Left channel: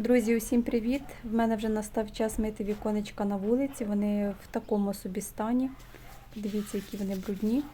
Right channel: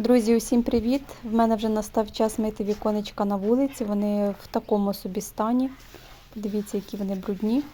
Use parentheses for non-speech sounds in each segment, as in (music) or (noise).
Друзі, усім привіт! В мене вже настав час мити віконечка на вулиці. Вони в такому собі стані. Дивіться, які вони брудні.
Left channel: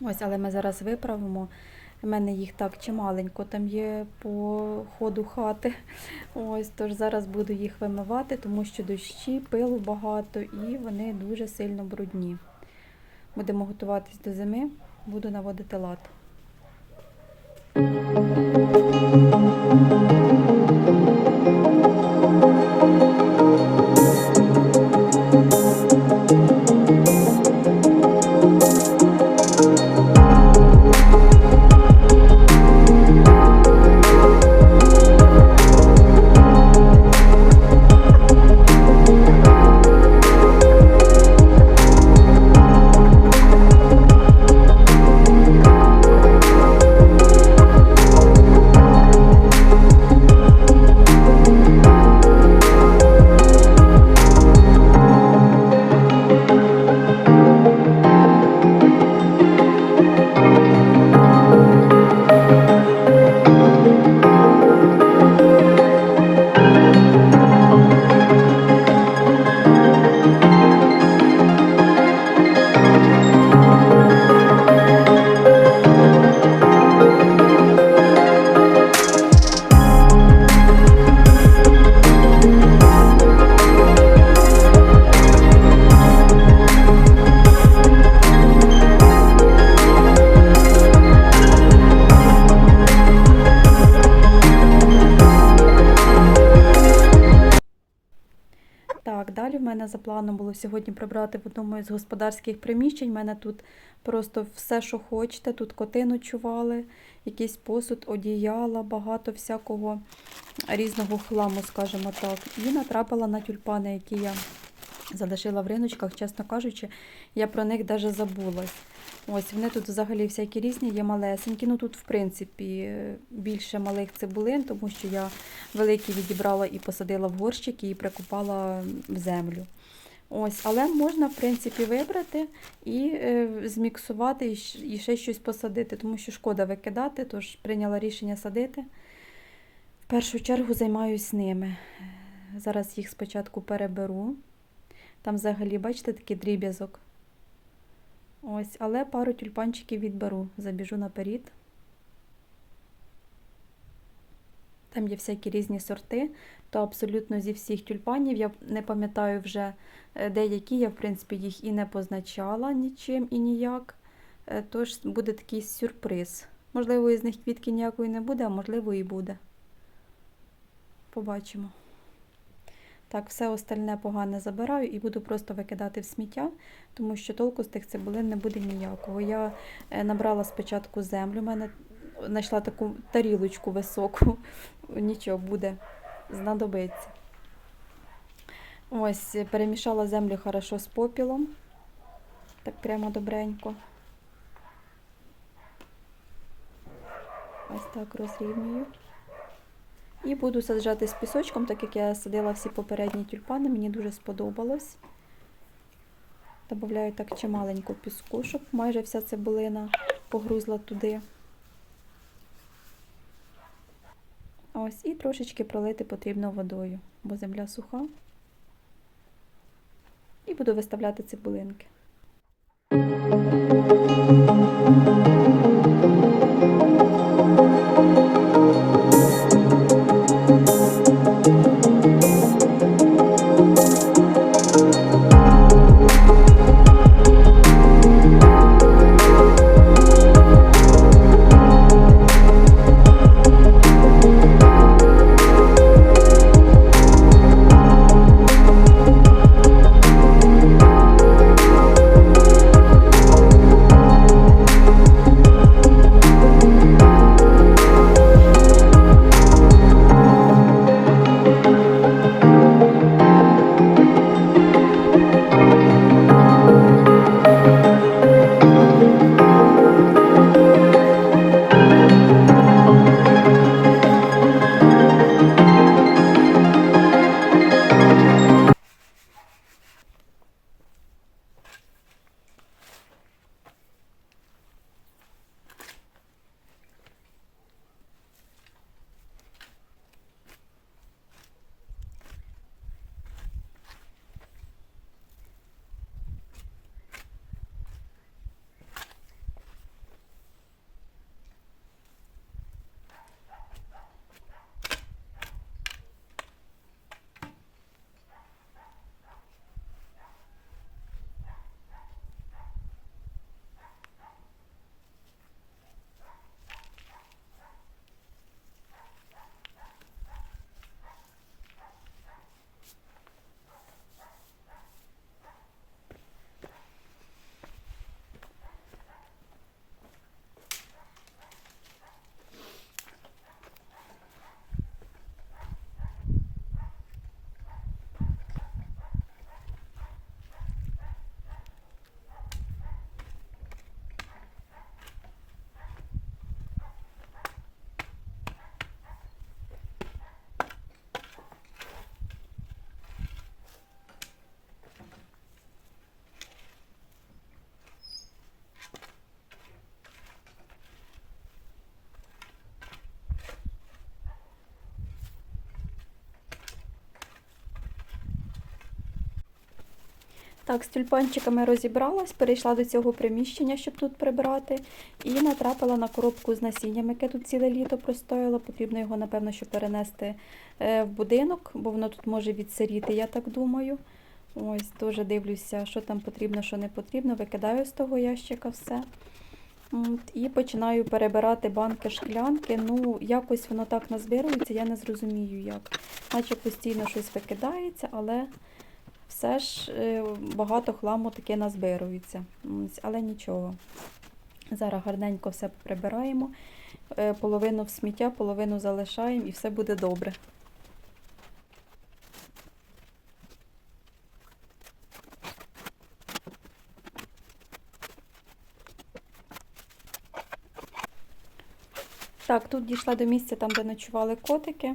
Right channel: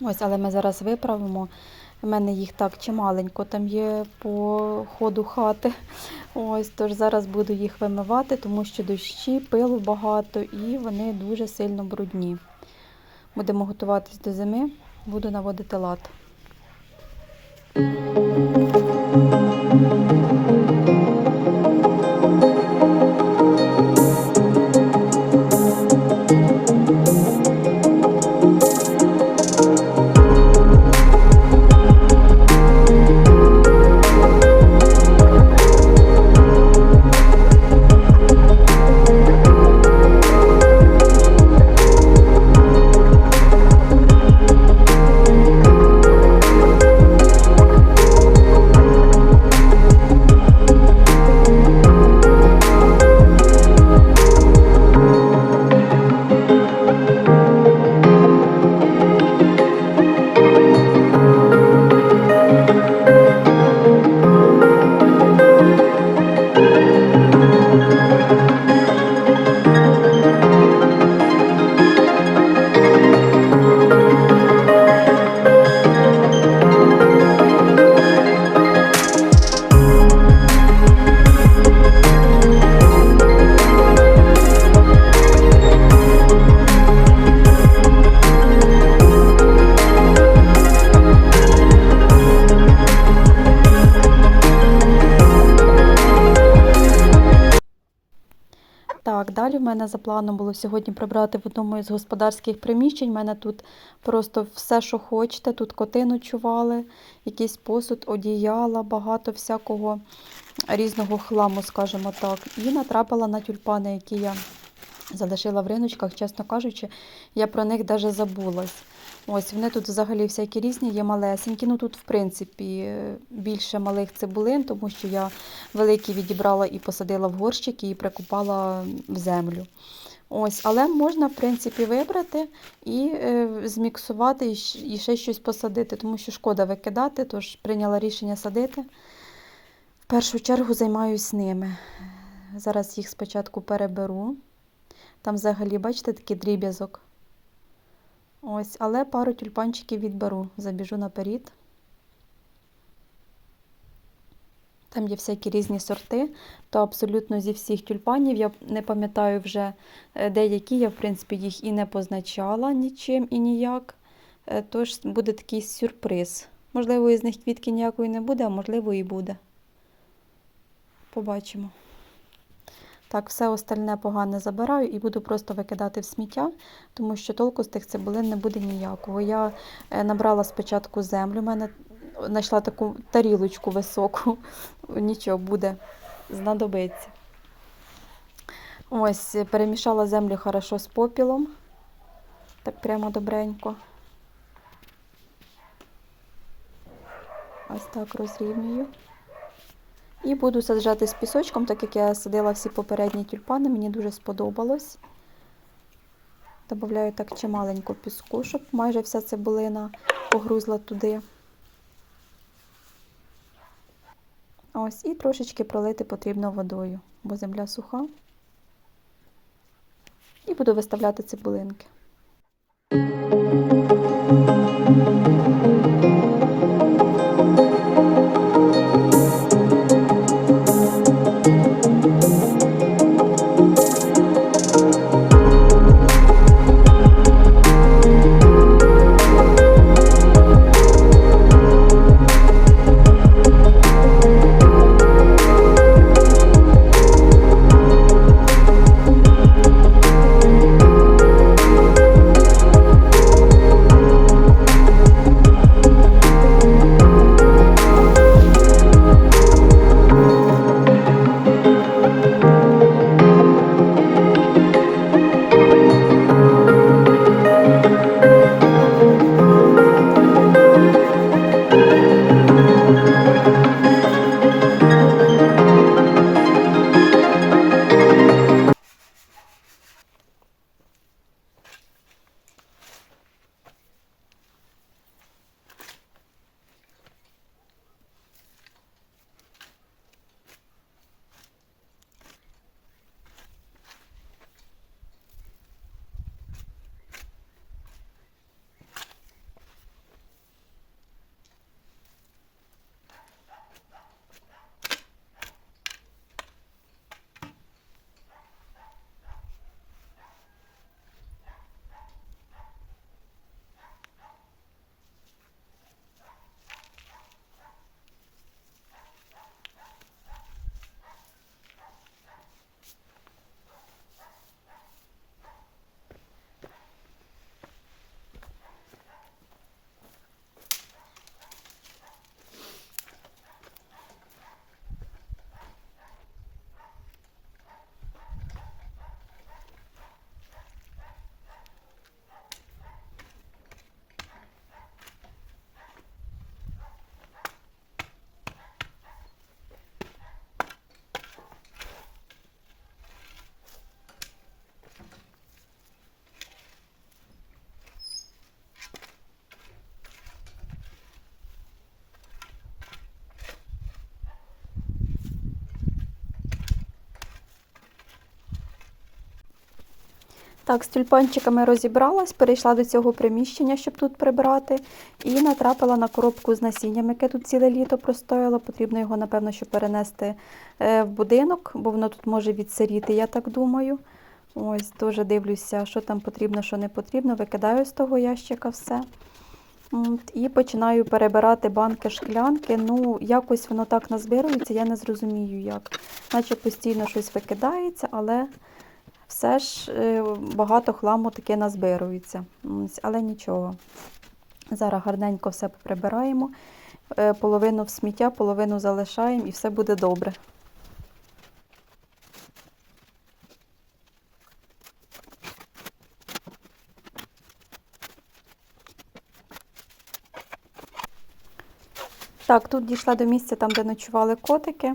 Ось, але ми зараз виправимо. У мене їх так чималенько там є по ходу хати. Ось, тож зараз буду їх вимивати, тому що дощі, пилу багато і вони дуже сильно брудні. Будемо готуватись до зими, буду наводити лад. Далі в мене за планом було сьогодні прибрати в одному із господарських приміщень. У мене тут просто все, що хочете. Тут коти ночували, якийсь посуд, одіяла, багато всякого різного хламу, скажімо так. І натрапила на тюльпани, які я залишила в риночках, чесно кажучи, я про них навіть забулась. Ось вони тут взагалі всякі різні, є малесенькі. Ну тут, в принципі, більше малих цибулин, тому що я великі відібрала і посадила в горщики і прикопала в землю. Ось, але можна, в принципі, вибрати і е, зміксувати, і, ще щось посадити, тому що шкода викидати, тож прийняла рішення садити. В першу чергу займаюсь ними. Зараз їх спочатку переберу. Там взагалі, бачите, такий дріб'язок. Ось, але пару тюльпанчиків відберу, забіжу наперед. Там є всякі різні сорти, то абсолютно зі всіх тюльпанів. Я не пам'ятаю вже е, деякі, я, в принципі, їх і не позначала нічим і ніяк. Е, Тож буде такий сюрприз. Можливо, із них квітки ніякої не буде, а можливо, і буде. Побачимо. Так, все остальне погане забираю і буду просто викидати в сміття, тому що толку з тих цибулин не буде ніякого. Я е, набрала спочатку землю, в мене знайшла таку тарілочку високу. (laughs) Нічого буде, знадобиться. Ось, перемішала землю хорошо з попілом. Так прямо добренько. Ось так розрівнюю. І буду саджати з пісочком, так як я садила всі попередні тюльпани, мені дуже сподобалось. Добавляю так чималенько піску, щоб майже вся цибулина погрузла туди. Ось, і трошечки пролити потрібно водою, бо земля суха. І буду виставляти цибулинки. Так, з тюльпанчиками розібралась, перейшла до цього приміщення, щоб тут прибрати, і натрапила на коробку з насінням, яке тут ціле літо простояло. Потрібно його, напевно, що перенести е, в будинок, бо воно тут може відсиріти, я так думаю. Ось, дуже дивлюся, що там потрібно, що не потрібно. Викидаю з того ящика все. І починаю перебирати банки шклянки. Ну, якось воно так назбирується, я не зрозумію як. Наче постійно щось викидається, але все ж е, багато хламу таке назбирується. Але нічого. Зараз гарненько все прибираємо. Е, Половину в сміття, половину залишаємо і все буде добре. Так, тут дійшла до місця, там, де ночували котики.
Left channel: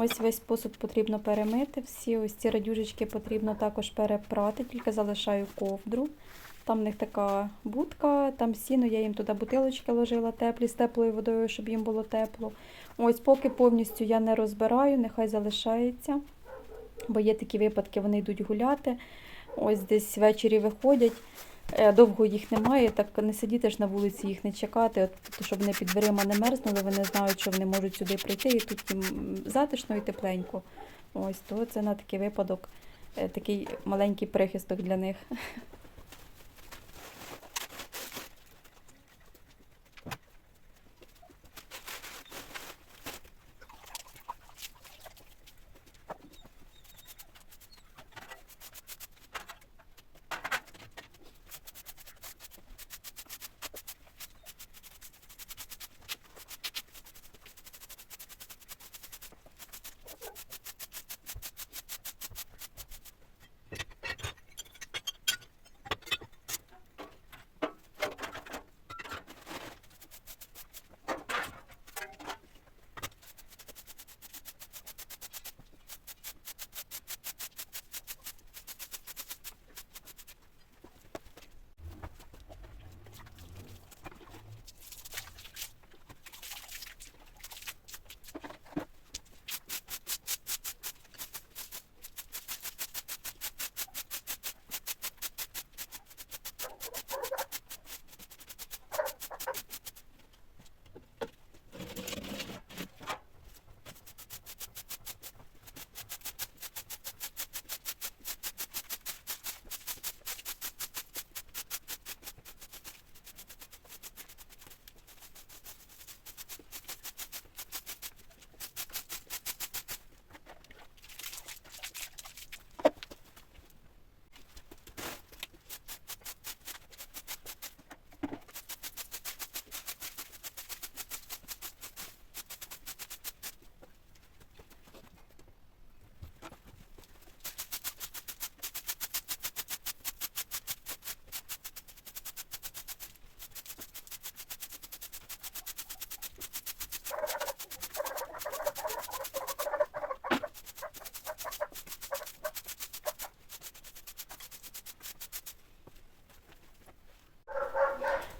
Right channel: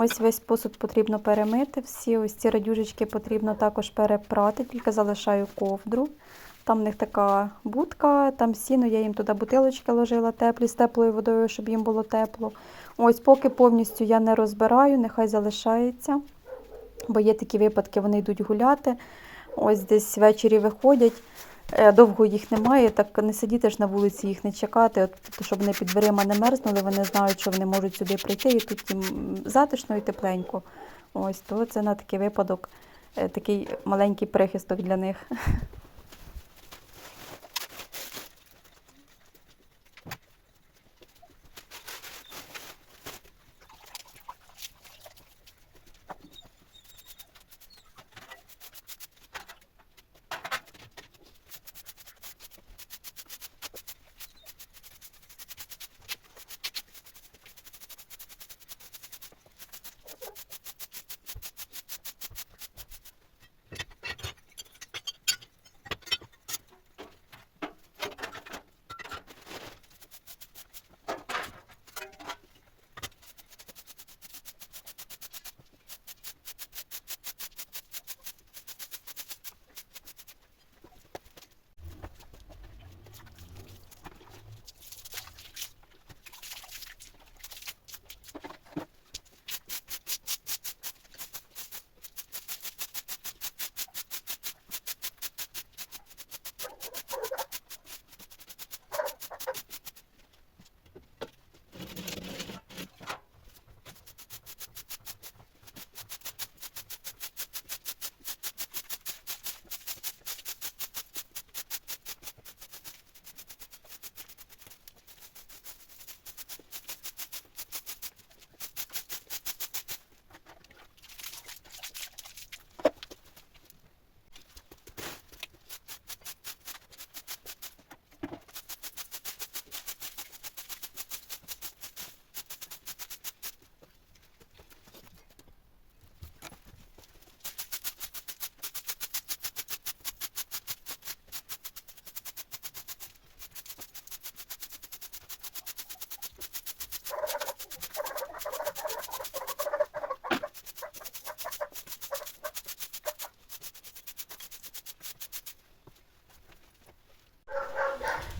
Ось весь посуд потрібно перемити. Всі ось ці радюжечки потрібно також перепрати, тільки залишаю ковдру. Там в них така будка, там сіно, я їм туди бутилочки ложила теплі з теплою водою, щоб їм було тепло. Ось поки повністю я не розбираю, нехай залишається. Бо є такі випадки, вони йдуть гуляти. Ось десь ввечері виходять. Е, Довго їх немає, так не сидіти ж на вулиці, їх не чекати, от, щоб вони під дверима не мерзнули, вони знають, що вони можуть сюди прийти, і тут їм затишно і тепленько. Ось, то це на такий випадок е, такий маленький прихисток для них. (laughs)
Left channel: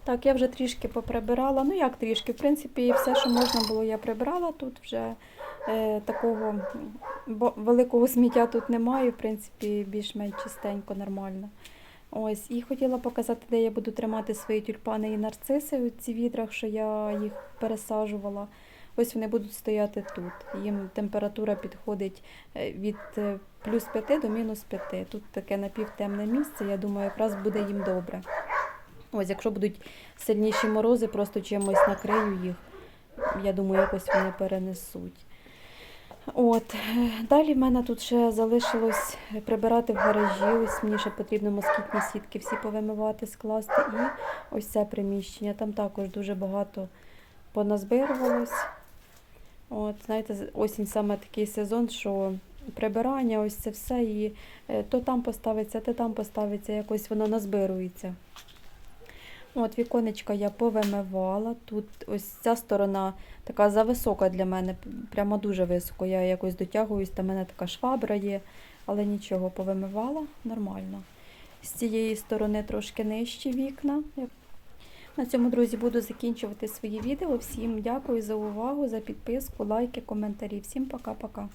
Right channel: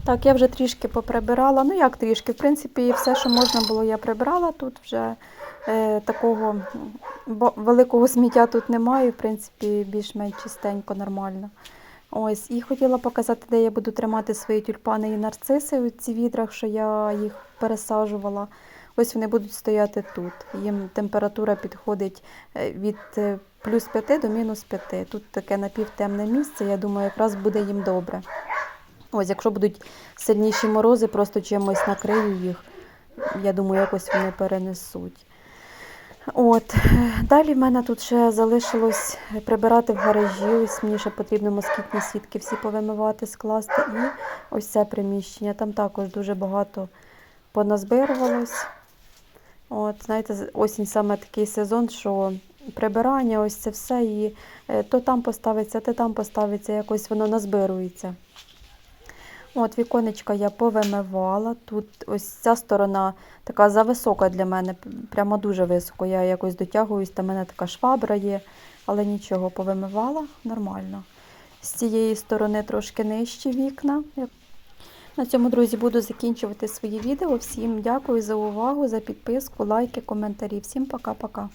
Так, я вже трішки поприбирала. Ну як трішки? В принципі, все, що можна було, я прибрала. Тут вже е, такого великого сміття тут немає. В принципі, більш-менш чистенько, нормально. Ось, і хотіла показати, де я буду тримати свої тюльпани і нарциси у ці відрах, що я їх пересаджувала. Ось вони будуть стояти тут. Їм температура підходить е, від е, плюс 5 до мінус 5. Тут таке напівтемне місце, я думаю, якраз буде їм добре. Ось, якщо будуть сильніші морози, просто чимось накрию їх. Я думаю, якось вони перенесуть. От. Далі в мене тут ще залишилось прибирати в гаражі. Ось мені ще потрібно москітні сітки всі повимивати, скласти. І ось це приміщення. Там також дуже багато поназбирувалось. От, знаєте, осінь саме такий сезон, що прибирання, ось це все, і е, то там поставиться, то там поставиться, якось воно назбирується. От віконечка я повимивала. Тут ось ця сторона така зависока для мене, прямо дуже високо. Я якось дотягуюсь, та мене така швабра є, але нічого, повимивала нормально. З цієї сторони трошки нижчі вікна. На цьому, друзі, буду закінчувати свої відео. Всім дякую за увагу, за підписку, лайки, коментарі. Всім пока-пока.